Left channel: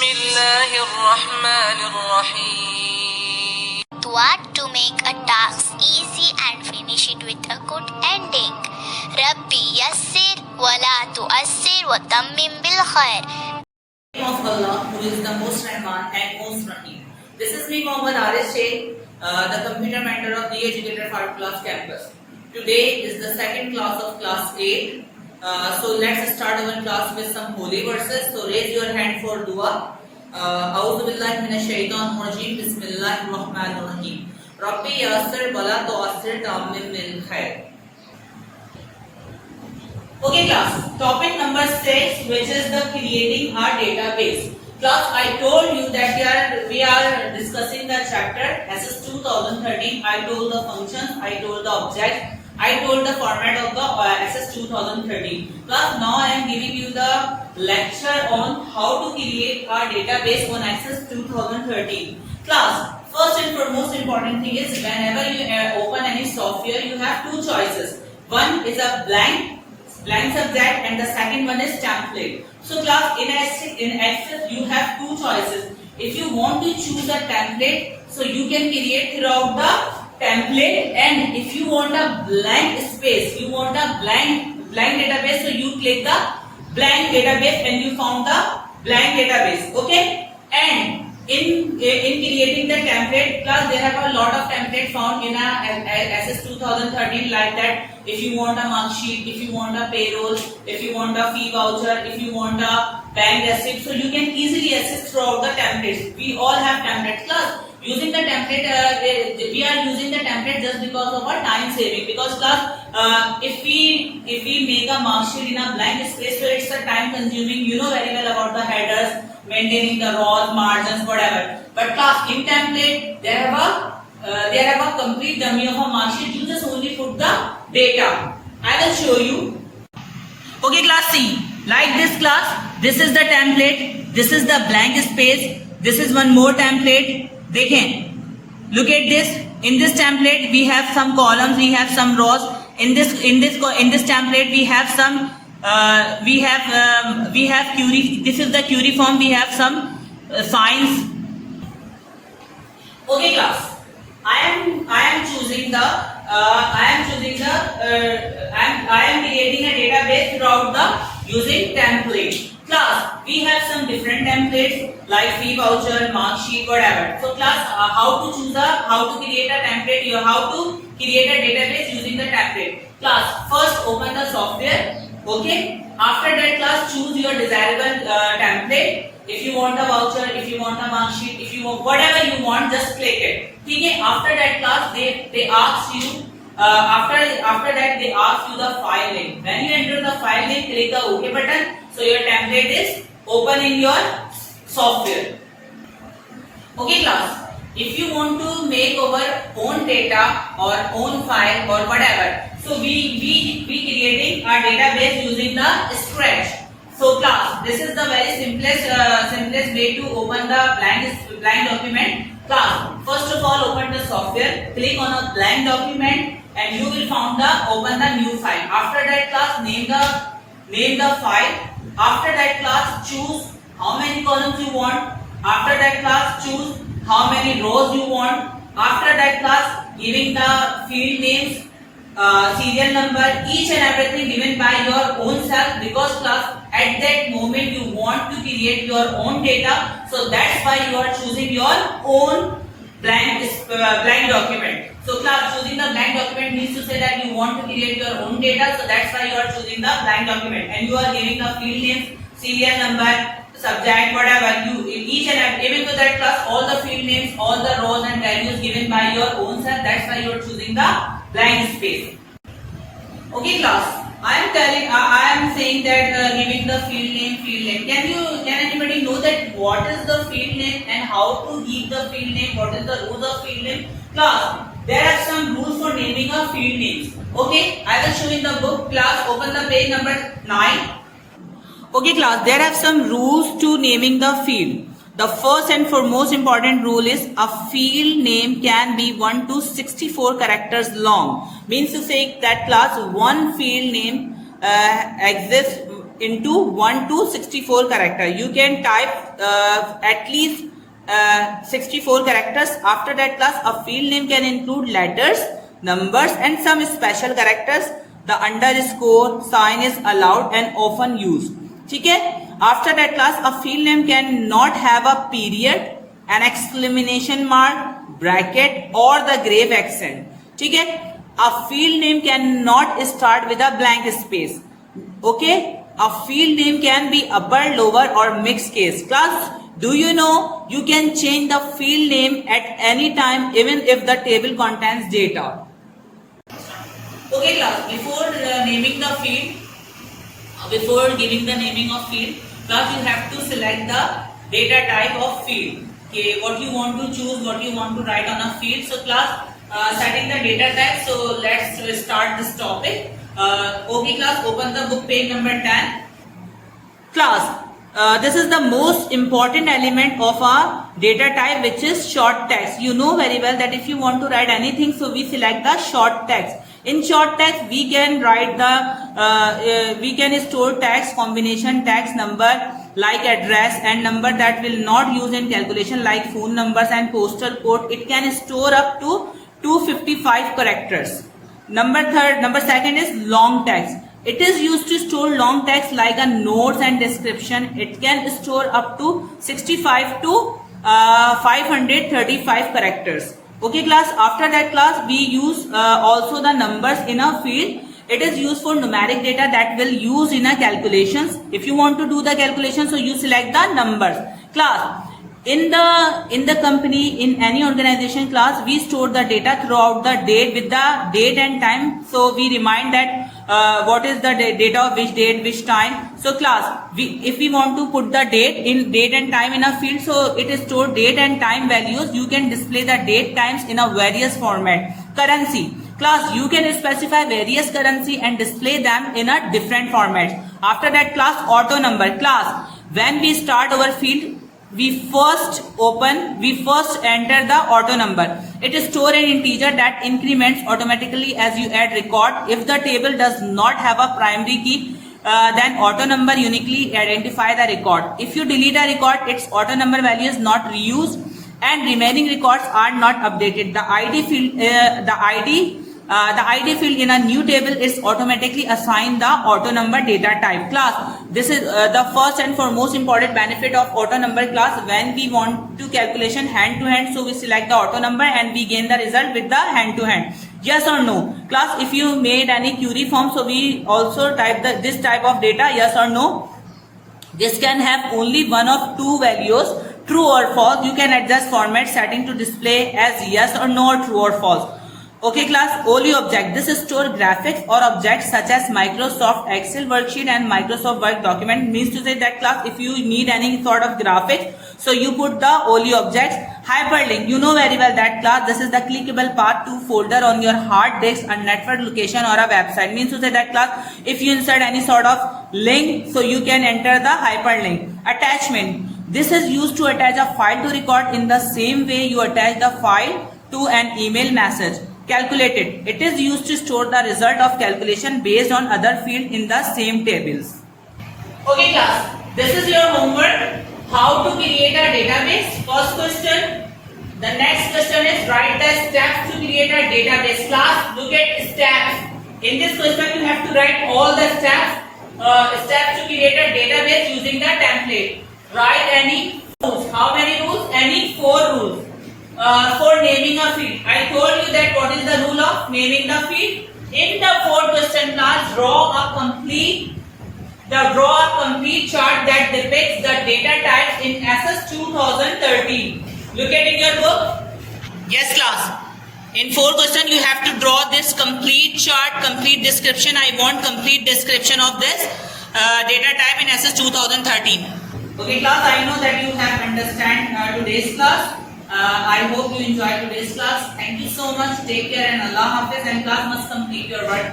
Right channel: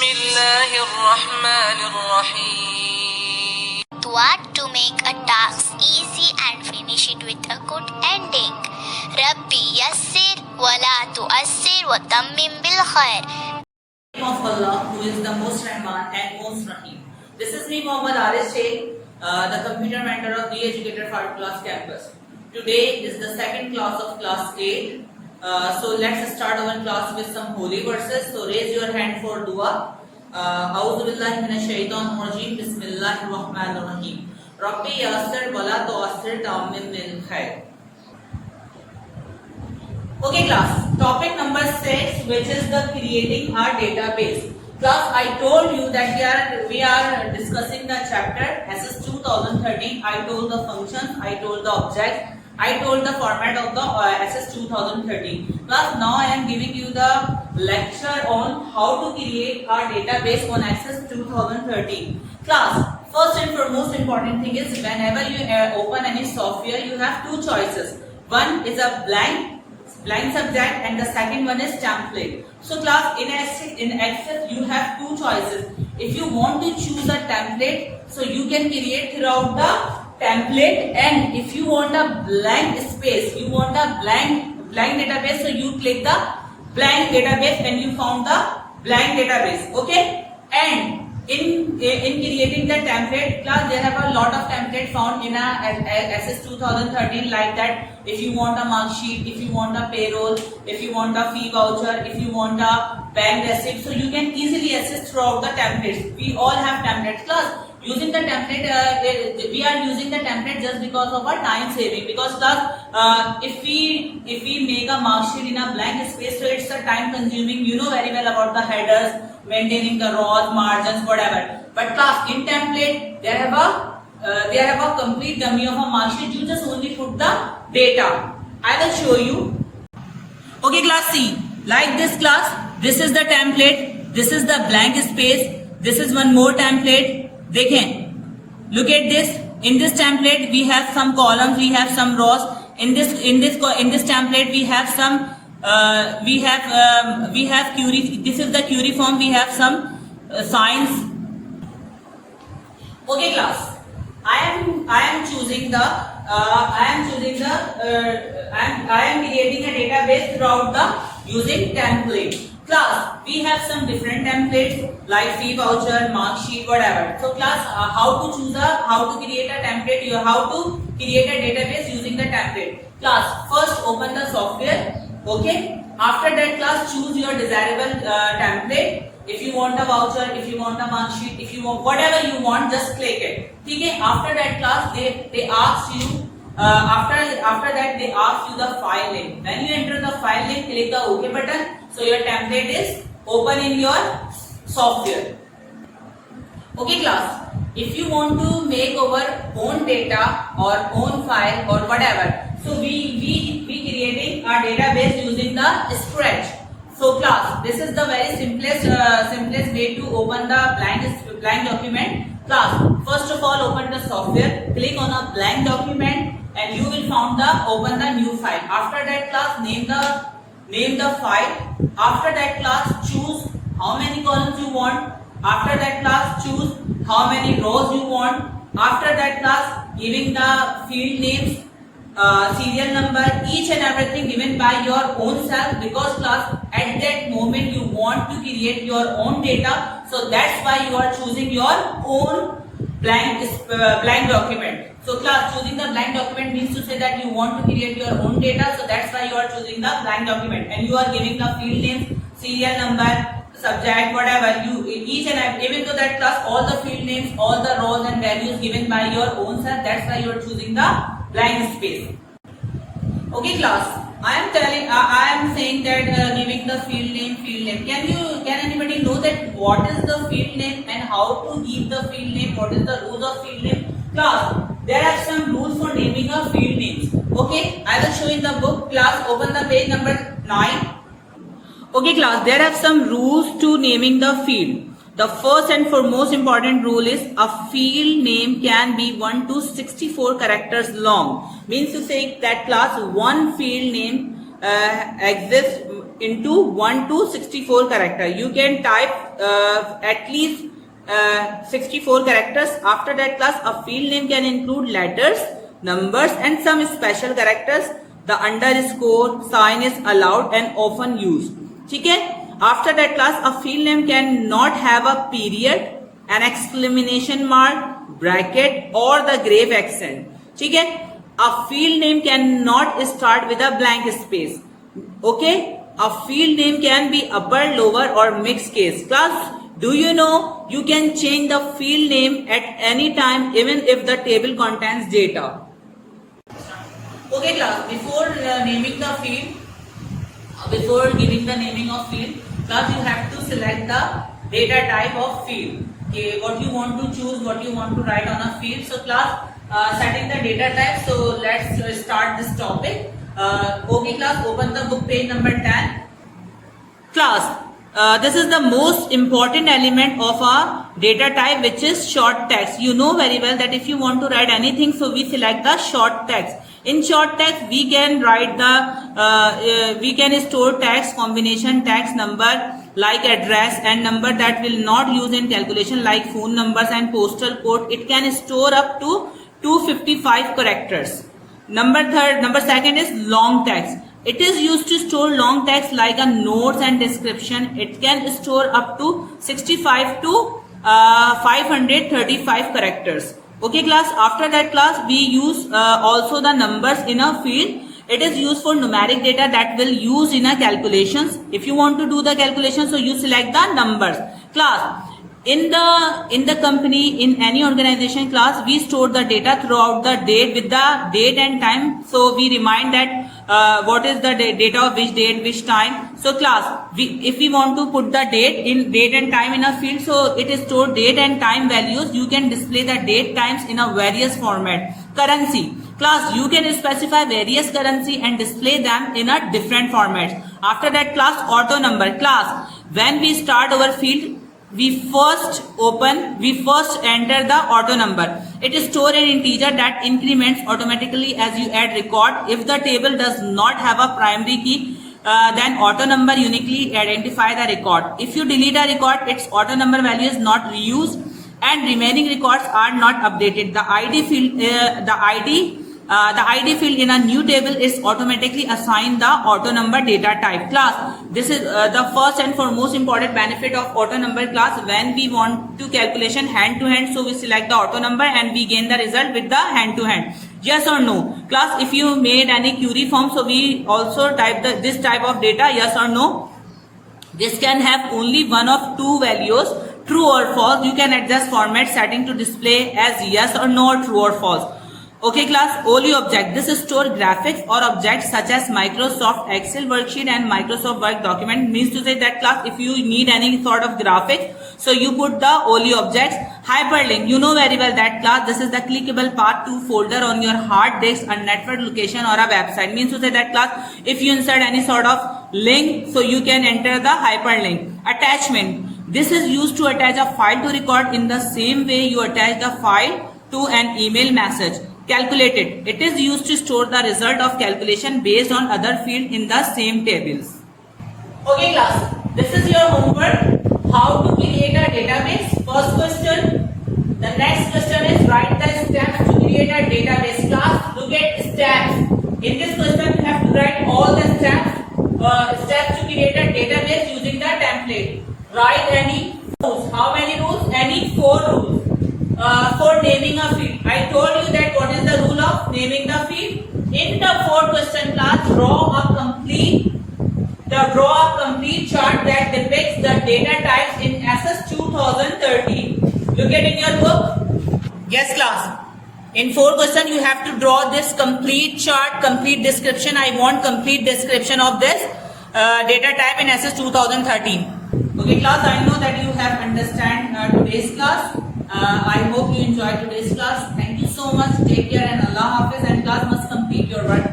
الله الرحمن الرحيم. What to make a task easy and finish it with a good ending. Rabbi yassir wa la tu'assir wa tammim bil khair. Of Allah, who is the most Rahman and most Rahim. This is me, Muhammad Arif Sheikh, the computer mentor of the Educator Farooq Class Campus. Today is the second class of class 8. So let's start our class with some holy verses. So raise your hand for dua. A'udhu billahi minash shaitanir rajim. Bismillahir rahmanir rahim. Rabbi yassir wa la tu'assir tammim bil khair. Okay class, topic number 6, which is the creating a database. Class, I told you that we are discussing the chapter SS 2013. I told the functions, I told the objects, I told the format of the SS 2013. Class, now I am giving you the lecture on how to create a database on SS 2013. Class, first and foremost important thing is whenever you open any software, you have two choices. One is a blank subject and the second one is template. So class, in Access you have two choices. If you want to choose a template, so you can create throughout the template, and if you want a blank space, you want a blank database, so you click the blank database and you found the blank database. Okay, and in creating the template, class, there have a lot of templates found in a SS 2013 like that. If you want a mark sheet, if you want a payroll, if you want a fee voucher, if you want a bank receipt, so you can easily access throughout the templates. We all have templates. Class, using the template, we are using the template just because of our time saving. Because class, if we make a mark sheet in a blank space, so it's a time consuming. You know very well about the headers, maintaining the rows, margins, whatever. But class, in template, they have a complete dummy of a mark sheet. You just only put the data. I will show you. Okay class, see, like this class, this is the template, this is the blank space, this is one more template. Dekhen, look at this. In this template we have some columns, we have some rows. In this template we have some we have query. This is the query form. We have some signs. Okay class, I am creating a database throughout the using template. Class, we have some different templates like fee voucher, mark sheet, whatever. So class, how to create a template, how to create a database using the template. Class, first open the software. Okay, after that class, choose your desirable template. If you want a voucher, if you want a mark sheet, if you want whatever you want, just click it. Okay, after that class, they ask you after that they ask you the file name. When you enter the file name, click the OK button. So your template is open in your software. Okay class, if you want to make our own data or own file or whatever, so we creating a database using the Scratch. So class, this is the very simplest way to open the blank document. Class, first of all, open the software, click on a blank document, and you will open the new file. After that class, name the file. After that class, choose how many columns you want. After that class, choose how many rows you want. After that class, giving the field names, serial number, each and everything given by your own self, because class, at that moment you want to create your own data, so that's why you are choosing your own blank document. So class, choosing the blank document means to say that you want to create your own data, so that's why you are choosing the blank document, and you are giving the field names, serial number, subject, whatever. You each and every, even to that class, all the field names, all the rows and values given by your own self. That's why you are choosing the blank space. Okay class, I am saying that giving the field name. Can anybody know that what is the field name and how to give the field name? What is the rules of field name? Class, there are some rules for naming a field names. Okay, I will show in the book. Class, open the page number 9. Okay class, there are some rules to naming the field. The first and foremost important rule is a field name can be 1 to 64 characters long. Means to say that class, one field name exists into 1 to 64 character. You can type at least 64 characters. After that class, a field name can include letters, numbers and some special characters. The underscore sign is allowed and often used. ठीक है? After that class, a field name cannot have a period, an exclamation mark, bracket or the grave accent. ठीक है? A field name cannot start with a blank space. Okay? A field name can be upper, lower or mixed case. Class, do you know you can change the field name at any time even if the table contains data? Okay class, before naming the field, before giving the naming of field, class you have to select the data type of field. Okay, what you want to choose, what you want to write on a field. So class, setting the data type. So let's start this topic. Okay class, open the book page number 10. Class, this is the most important element of a data type, which is short text. You know very well that if you want to write anything, so we select the short text. In short text, we can write we can store text, combination text, number like address and number that will not use in calculation like phone numbers and postal code. It can store up to 255 characters. Number second is long text. It is used to store long text like a notes and description. It can store up to 65 to 535 characters. Okay class, after that class we use also the numbers in a field. It is used for numeric data that will use in a calculations. If you want to do the calculation, so you select the numbers. Class, in the company, in any organization class, we store the data throughout the date with the date and time. So we remind that what is the data of which date, which time. So class, if we want to put the date and time in a field, so it is stored date and time values. You can display the date times in a various format. Currency. Class, you can specify various currency and display them in a different formats. After that class, auto number. Class, when we start our field, we first enter the auto number. It is stored an integer that increments automatically as you add record. If the table does not have a primary key, then auto number uniquely identify the record. If you delete a record, its auto number value is not reused and remaining records are not updated. The ID field in a new table is automatically assigned the auto number data type. Class, this is the first and foremost important benefit of auto number class. When we want to calculation hand to hand, so we select the auto number and we gain the result with the hand to hand. Yes or no? Class, if you made any query form, so we also type this type of data, yes or no. This can have only one of two values, true or false. You can adjust format setting to display as yes or no or true or false. Okay class, OLI object. This is store graphics or objects such as Microsoft Excel worksheet and Microsoft Word document. Means to say that class, if you need any sort of graphics, so you put the OLI objects. Hyperlink. You know very well that class, this is the clickable path to folder on your hard disk, a network location or a website. Means to say that class, if you insert any sort of link, so you can enter the hyperlink. Attachment. This is used to attach a file to record in the same way you attach the file to an email message. Calculated. It is used to store the result of calculation based on other field in the same tables. Okay class, this is your homework. How to create a database. First question. The next question is write the steps to create a database. Class, look at steps. In this question you have to write all the steps to create a database using the template. Write any rules. How many rules? Any 4 rules. For naming a field. I told you that what is the rule of naming the field. In the 4th question class, draw a complete chart that depicts the data types in SS 2013. Look at in your book. Yes class. In 4th question you have to draw this complete chart, complete description. I want complete description of this data type in SS 2013. Okay class, I know that you have understand today's class. I hope you enjoyed today's class. Thank you so much. Take care and Allah Hafiz. And class must complete your work.